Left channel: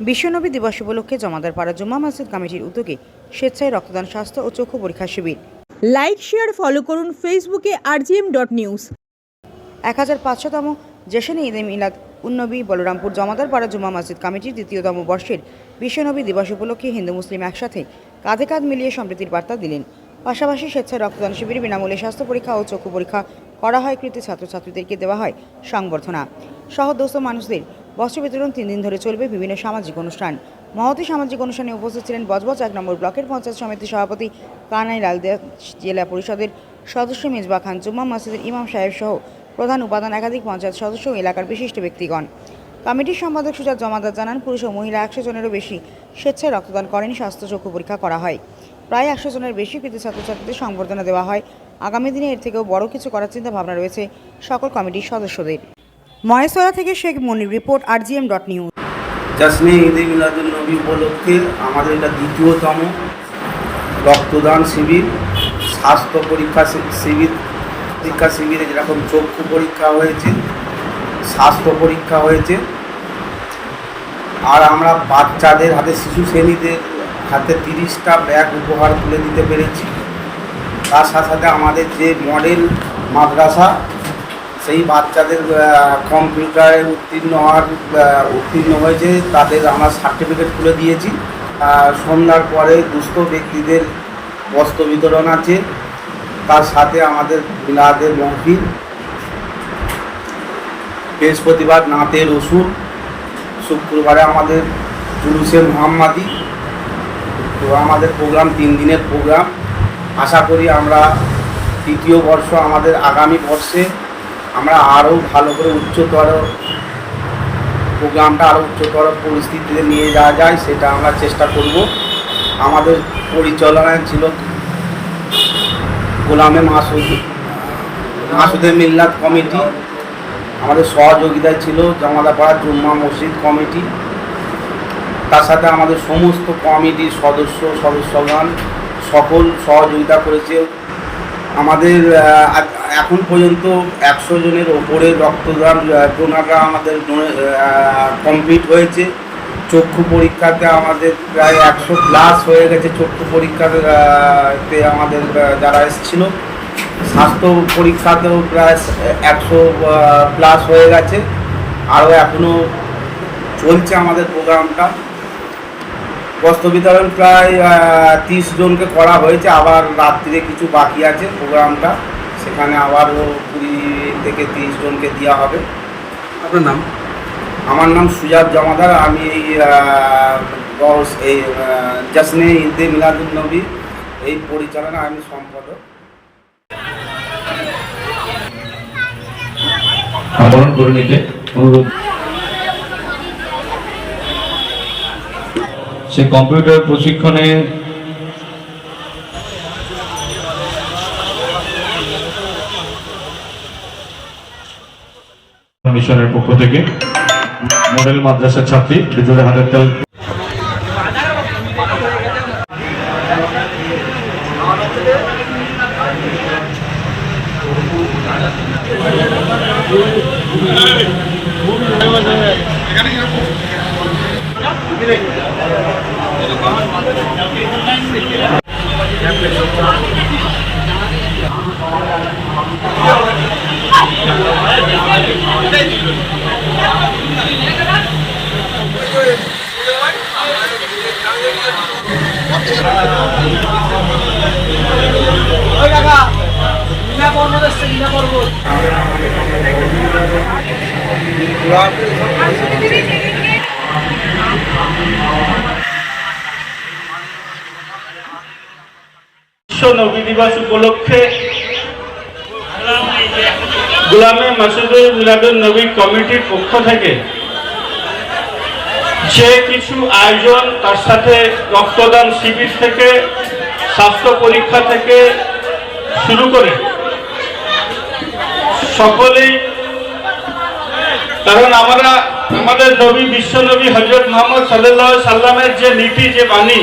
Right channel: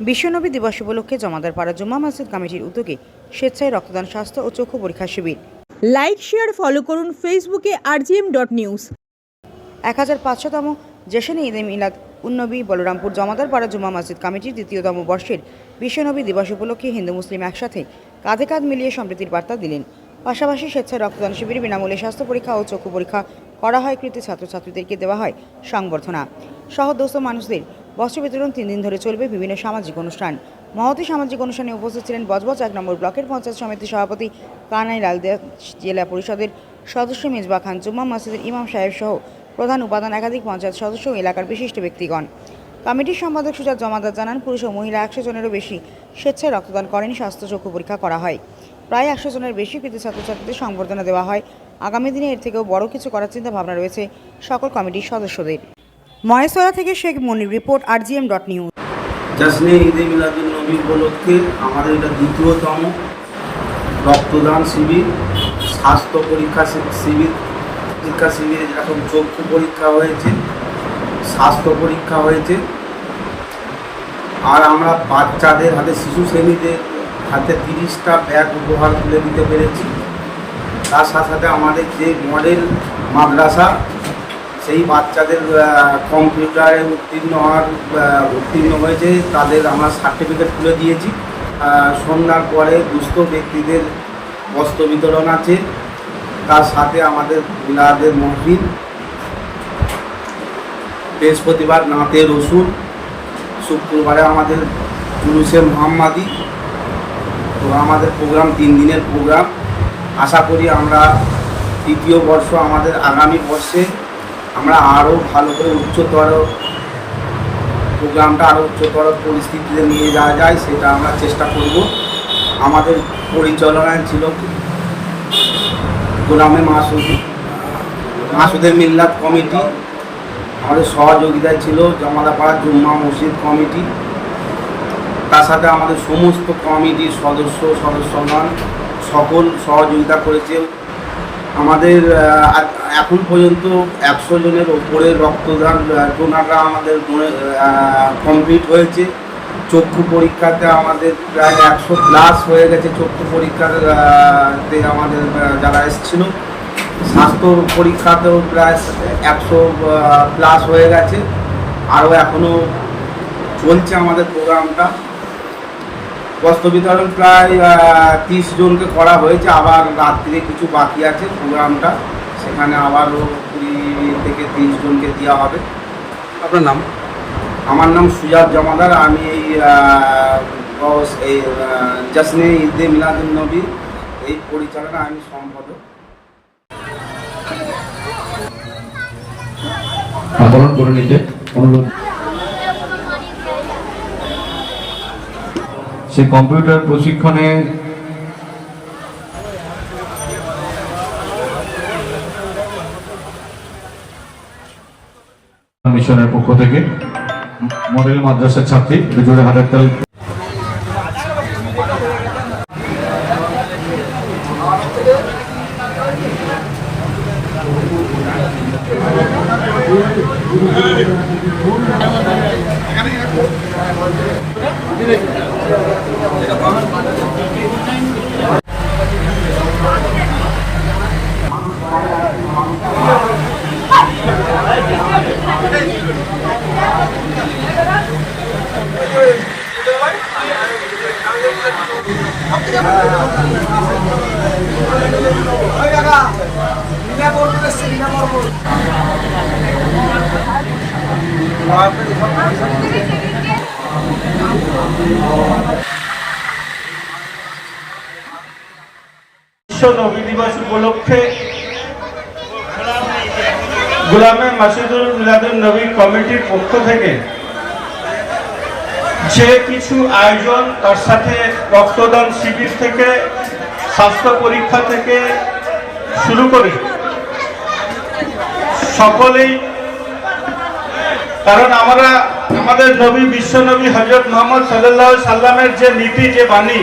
বিশ্বনবী দিবস উপলক্ষে জমাদারপাড়া জুম্মা মসজিদ কমিটির উদ্যোগে স্বেচ্ছায় রক্তদান, স্বাস্থ্য ও চক্ষু পরীক্ষা শিবির। লাইক, শেয়ার, ফলো করুন ফেসবুকে rgm.news। 1500তম জেশনে ঈদে মিলাদ উন্নবী বলরামপুর জমাদারপাড়া জুম্মা মসজিদ কমিটির দ্বিতীয়তম বর্ষের বিশ্বনবী দিবস উপলক্ষে হিন্দু মুসলিম একসাথে কাঁধে কাঁধ মিলিয়ে সম্প্রীতির বার্তা দিলেন। পাশাপাশি স্বেচ্ছায় রক্তদান শিবিরে বিনামূল্যে স্বাস্থ্য পরীক্ষা ও চক্ষু পরীক্ষা করা হয়। কৃতি ছাত্রছাত্রীদেরকে দেওয়া হয় সংবর্ধনা। সহদস্ত মানুষদের বস্ত্র বিতরণ 3 দিন ধরে চলবে বিভিন্ন সামাজিক অনুষ্ঠান। মহতী সামাজিক অনুষ্ঠানে উপস্থিত ছিলেন বজবজ 1 নম্বর ব্লকের পঞ্চায়েত সমিতির সভাপতি কানাই লালদিয়া, জেলা পরিষদের সদস্য মেজবা খান, জুম্মা মসজিদের ইমাম সাহেব সহ প্রধান উপাদান, একাধিক পঞ্চায়েত সদস্য ও এলাকার বিশিষ্ট ব্যক্তিগণ। কমিটির সম্পাদক সুজাত জমাদার জানান, পুরুষ ও মহিলা 100 জনেরও বেশি স্বেচ্ছায় রক্তদান করেন। স্বাস্থ্য চক্ষু পরীক্ষা করা হয়। প্রায় 100 জনের বেশি কৃতি ছাত্রছাত্রীদের সংবর্ধনা দেওয়া হয়। আগামী দিনে এর থেকেও বড় কিছু করার চিন্তা ভাবনা রয়েছে সকল কমিটির সদস্যদের। মহেশতলা থেকে শেখ মনির, রিপোর্ট rgm.news। জশ্নে ঈদে মিলাদুন্নবী উপলক্ষে আমাদের এটা দ্বিতীয়তম রক্তদান শিবির, স্বাস্থ্য পরীক্ষা শিবিরে যেরকম চক্ষু পরীক্ষা হয়েছে, স্বাস্থ্য পরীক্ষা হয়েছে, আর আমরা বাচ্চাদের হাতে, শিশু শ্রেণীদের হাতে 30টা ব্যাগ উপহার তুলে দিতে পেরেছি। তার সাথে সাথে আমাদের যে মডেল মাদ্রাসা, সেই বাচ্চাদের কম্পিউটারে উত্তীর্ণ হয়েছে, তাদের আমরা সার্টিফিকেট তুলে দিয়েছি। সন্ধ্যার পরে দুস্থ ব্যক্তিদের বস্ত্র বিতরণ আছে। তার সাথে আমাদের মিলাদের মহফিল, বৃহস্পতিবার নাতে রসুল, শুক্রবারে আমাদের জুলুসে মুহাম্মাদি। তো আমাদের প্রোগ্রাম 3 দিনের প্রোগ্রাম। আশা করি আমরা তৃতীয় বর্ষ, আমাদের আগামী বর্ষে আমরা আরও ভালো করে প্রোগ্রামটা আরও উচ্চতর পরিস্থিতিতে নিয়ে যাওয়া যায়, সেটা আমরা চেষ্টা করব। আমাদের পরিচালনায় ছিল গোলামে মাসুদে মিল্লাত কমিটি, আমাদের সহযোগিতায় ছিল জমাদারপাড়া জুম্মা মসজিদ কমিটি। তার সাথে আমাদের সমস্ত কমিটির সদস্যগণ সকল সহযোগিতা করেছে। আমাদের এখন পর্যন্ত 100 জনের ওপরে রক্তদান ডোনাররা আমাদের কমপ্লিট হয়েছে। চক্ষু পরীক্ষাতে আমাদের প্রায় 100+ হয়ে গেছে। চক্ষু পরীক্ষাতে আমাদের যারা এসেছিল, স্বাস্থ্য পরীক্ষাতেও প্রায় 100+ হয়ে গেছে। আরও এখনও চলছে আমাদের প্রোগ্রামটা। বস্ত্র বিতরণ প্রায় 30 জনকে করা হয়েছে। আবার রাত্রিরে কিছু বাকি আছে প্রোগ্রামটা, সেখানে আবারও 20 থেকে 30 জনকে দেওয়া হবে। আপনার নাম? আমার নাম সুজাত জমাদার। আমি এই জশ্নে ঈদে মিলাদুন্নবী এই পরিচালনা আমি সম্পাদক। সে কম্পিউটার প্রশিক্ষণে মিশনের পক্ষ থেকে মডেল মাদ্রাসার ছাত্রী বিদ্যুতের হাতের তেল বিশ্ব নবী দিবস উপলক্ষে গোলামে মাসুদুল মিলাদুন নবী কমিটির পক্ষ থেকে যে কিছু আয়োজন, তার সাথে রক্তদান শিবির থেকে স্বাস্থ্য পরীক্ষা থেকে শুরু করে সকলেই, কারণ আমরা আমাদের নবী, বিশ্ব নবী হযরত মুহাম্মদ সাল্লাল্লাহু আলাইহি সাল্লামের যে নীতি, যে বাণী,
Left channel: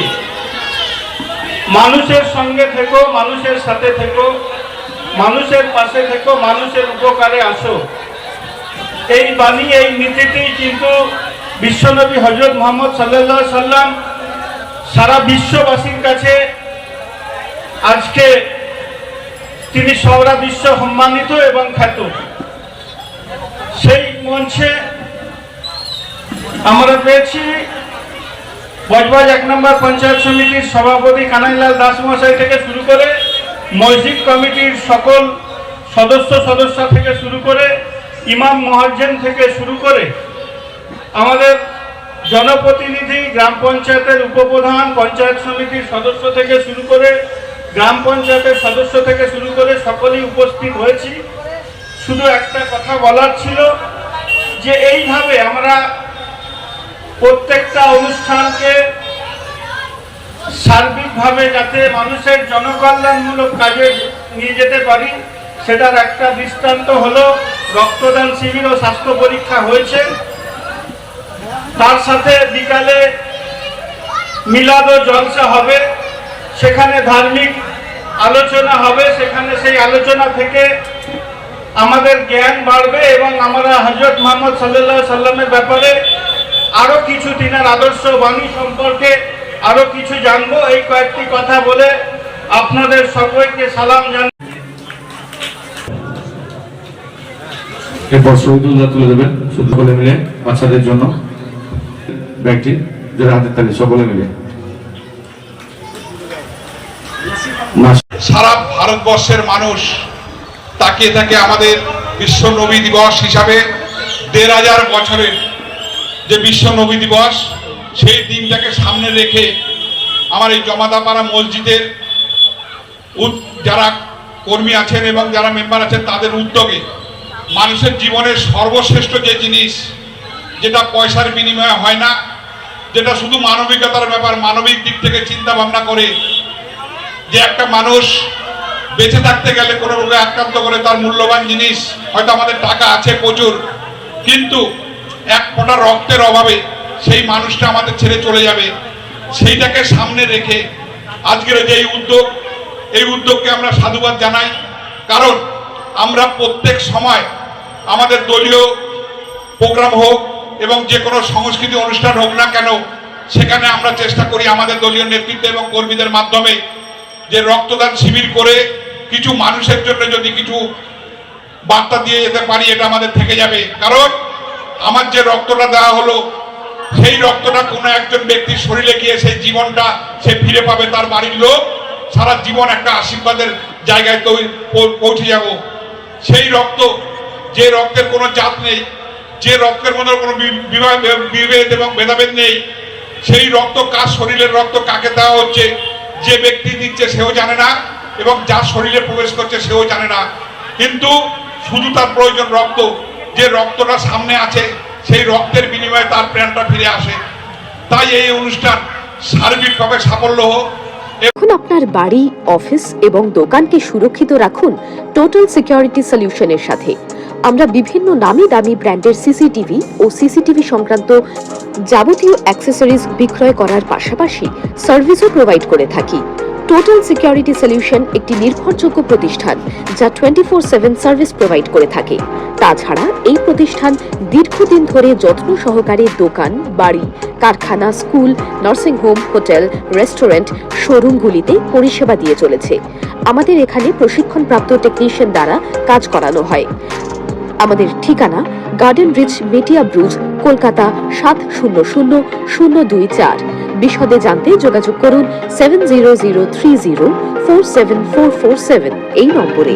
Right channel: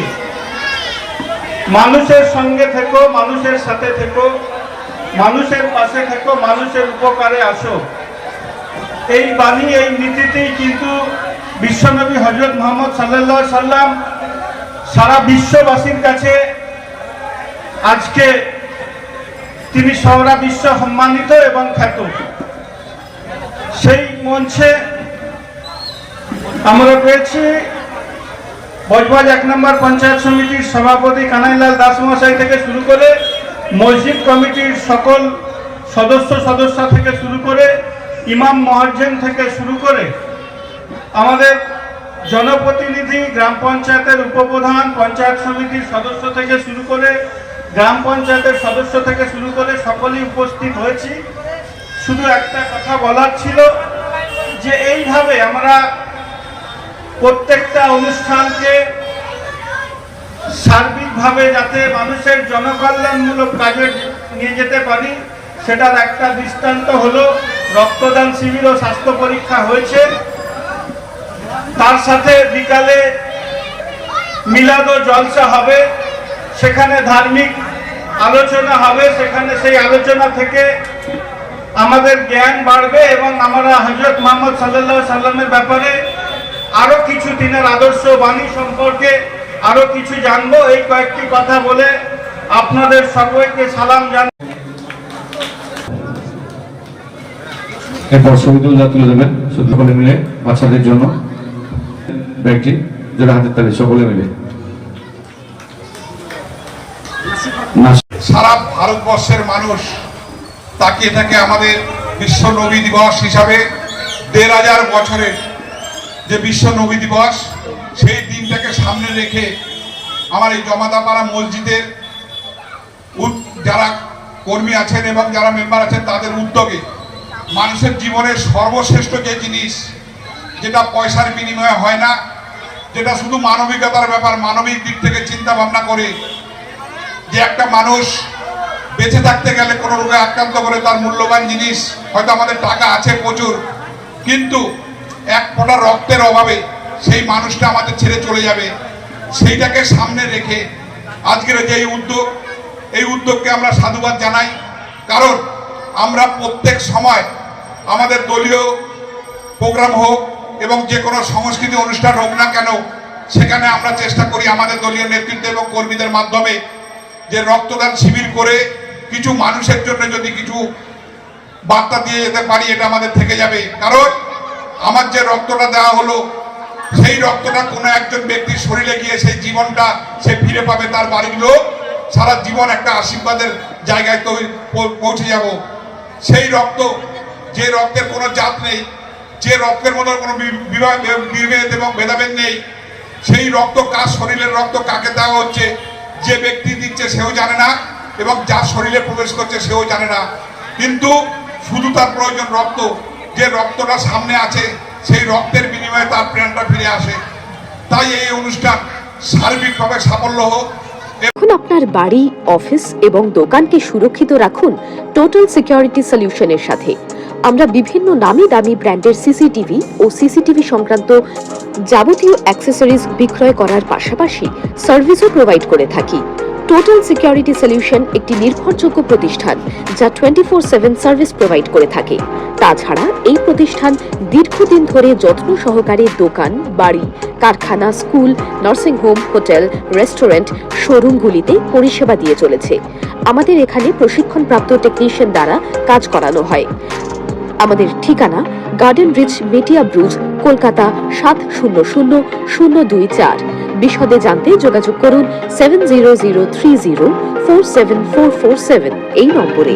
মানুষের সঙ্গে থেকো, মানুষের সাথে থেকো, মানুষের পাশে থেকো, মানুষের উপকারে আসো, এই বাণী, এই নীতিতেই কিন্তু বিশ্বনবী হযরত মুহাম্মদ সাল্লাল্লাহু আলাইহি সাল্লাম সারা বিশ্ববাসীর কাছে আজকে তিনি সারা বিশ্ব সম্মানিত এবং খ্যাত। সেই মঞ্চে আমরা পেয়েছি বজবাজ 1 নম্বর পঞ্চায়েত সমিতির সভাপতি কানাইলাল দাস মহাশয় থেকে শুরু করে মসজিদ কমিটির সকল সদস্য থেকে শুরু করে ইমাম মুয়াজ্জিন থেকে শুরু করে আমাদের জনপ্রতিনিধি, গ্রাম পঞ্চায়েতের উপপ্রধান, পঞ্চায়েত সমিতির সদস্য থেকে শুরু করে গ্রাম পঞ্চায়েতের সদস্য থেকে শুরু করে সকলেই উপস্থিত হয়েছি। শুধু একটা কথা বলার ছিল যে এইভাবে আমরা প্রত্যেকটা অনুষ্ঠানকে সার্বিকভাবে যাতে মানুষের জনকল্যাণমূলক কাজে নিয়ে যেতে পারি, সেটার একটা দৃষ্টান্ত হলো রক্তদান শিবির ও স্বাস্থ্য পরীক্ষা হয়েছে। তার সাথে বিকালে মিলাদ ও জলসা হবে, সেখানে ধার্মিক আলোচনা হবে, সেখানে সেই আলোচনা থেকে আমাদের জ্ঞান বাড়বে এবং আমরা হযরত মুহাম্মদ সাল্লাল্লাহু আলাইহি সাল্লামের ব্যাপারে আরো কিছু দিনের আদর্শ বাণী সম্পর্কে আরো কিছু জানবো। এই কয়েকটি কথা বলে আপনাদের সকলকে সালাম জানাই। এরপর শহীদুল্লাহ তুলে দেবেন সকলে মিলে বাচ্চাদের জন্য ব্যাগটি, যারা হাতের তালি সকলে মিলে। সারা ভারতবর্ষের মানুষ তাকিয়ে থাকে আমাদের বিশ্ব নবী দিবস হিসাবে ১৫০০ বছরের যে বিশ্ব নবী দিবস, সেই দিনটাকে সামনে রেখে আমার এই জমাদাপাড়া মসজিদের যারা কর্মী আছেন এবং যারা মেম্বার আছেন তাদের উদ্যোগে মানুষের জীবনের সর্বশ্রেষ্ঠ যে জিনিস, যেটা পয়সার বিনিময়ে হয় না, যেটা শুধু মানবিকতার ব্যাপার, মানবিক দিক থেকে চিন্তা ভাবনা করে যে একটা মানুষ বেঁচে থাকতে গেলে কোনো রোগে আক্রান্ত করে তার মূল্যবান জিনিস, হয়তো আমাদের টাকা আছে প্রচুর, কিন্তু এক ফোঁটা রক্তের অভাবে সেই মানুষটা আমাদের ছেড়ে চলে যাবে, সেইটাকে সামনে রেখে আজকের যে উদ্যোগ, এই উদ্যোগকে আমরা সাধুবাদ জানাই। কারণ আমরা প্রত্যেক সময় আমাদের দলীয় প্রোগ্রাম হোক এবং যে কোনো সংস্কৃতি অনুষ্ঠান হোক না কেন, সেখানে আমরা চেষ্টা করি আমাদের দলীয় নেতৃত্ব এবং কর্মীদের মাধ্যমে যে রক্তদান শিবির করে কিছু মানুষের জন্য যদি কিছু বার্তা দিয়ে যেতে পারি, এটা আমাদের থেকে যাবে। কারণ আমার যে রক্তটা দেওয়া হলো, সেই রক্তটা কোনো একজন ব্যক্তির শরীরে গিয়ে সেই জীবনটা সে ফিরে পাবে, তার বাড়ির লোক সারা জীবন একটা আশীর্বাদের জায়গায় পৌঁছে যাব। সেই রক্ত, যে রক্তের কোনো জাত নেই, যে রক্তের মধ্যে কোনো বিভেদ এবং ভেদাভেদ নেই, সেই রক্ত কার শরীরের রক্ত কাকে দেওয়া হচ্ছে, যে ব্যক্তি দিচ্ছে সেও জানে না এবং যার শরীরে প্রবেশ করছে সেও জানে না, কিন্তু শুধু তার প্রয়োজন রক্ত। যে রক্তটা সামনে আছে, সেই রক্তের বিনিময়ে তার প্রাণটা ফিরে আসে। তাই এই অনুষ্ঠান সার্বিকভাবে সাফল্য হোক। এখন আপনার বাড়ি, অফিস এবং দোকানকে সুরক্ষিত রাখুন টোটাল সিকিউরিটি সলিউশনের সাথে। আমরা বিভিন্ন নামি দামি ব্র্যান্ডের সিসিটিভি ও সিসিটিভি সংক্রান্ত যাবতীয় অ্যাক্সেসরিজ বিক্রয় করার পাশাপাশি সার্ভিসও প্রোভাইড করে থাকি। টোটাল সিকিউরিটি সলিউশন একটি নির্ভরযোগ্য প্রতিষ্ঠান যা 24/7 সার্ভিস প্রোভাইড করে থাকে। তাছাড়া এই প্রতিষ্ঠান দীর্ঘদিন ধরে যত্ন সহকারে দোকান, বাড়ি, কারখানা, স্কুল, নার্সিংহোম, হোটেল, রেস্টুরেন্ট, শোরুমগুলিতে পরিষেবা দিয়ে চলেছে। আমাদের এখানে প্রশিক্ষণপ্রাপ্ত টেকনিশিয়ান দ্বারা কাজ করানো হয়। আমাদের ঠিকানা গার্ডেন রিচ, মেটিয়া ব্রুজ, কলকাতা 700024। বিশদে জানতে যোগাযোগ করুন 7003047447 এই নম্বরে।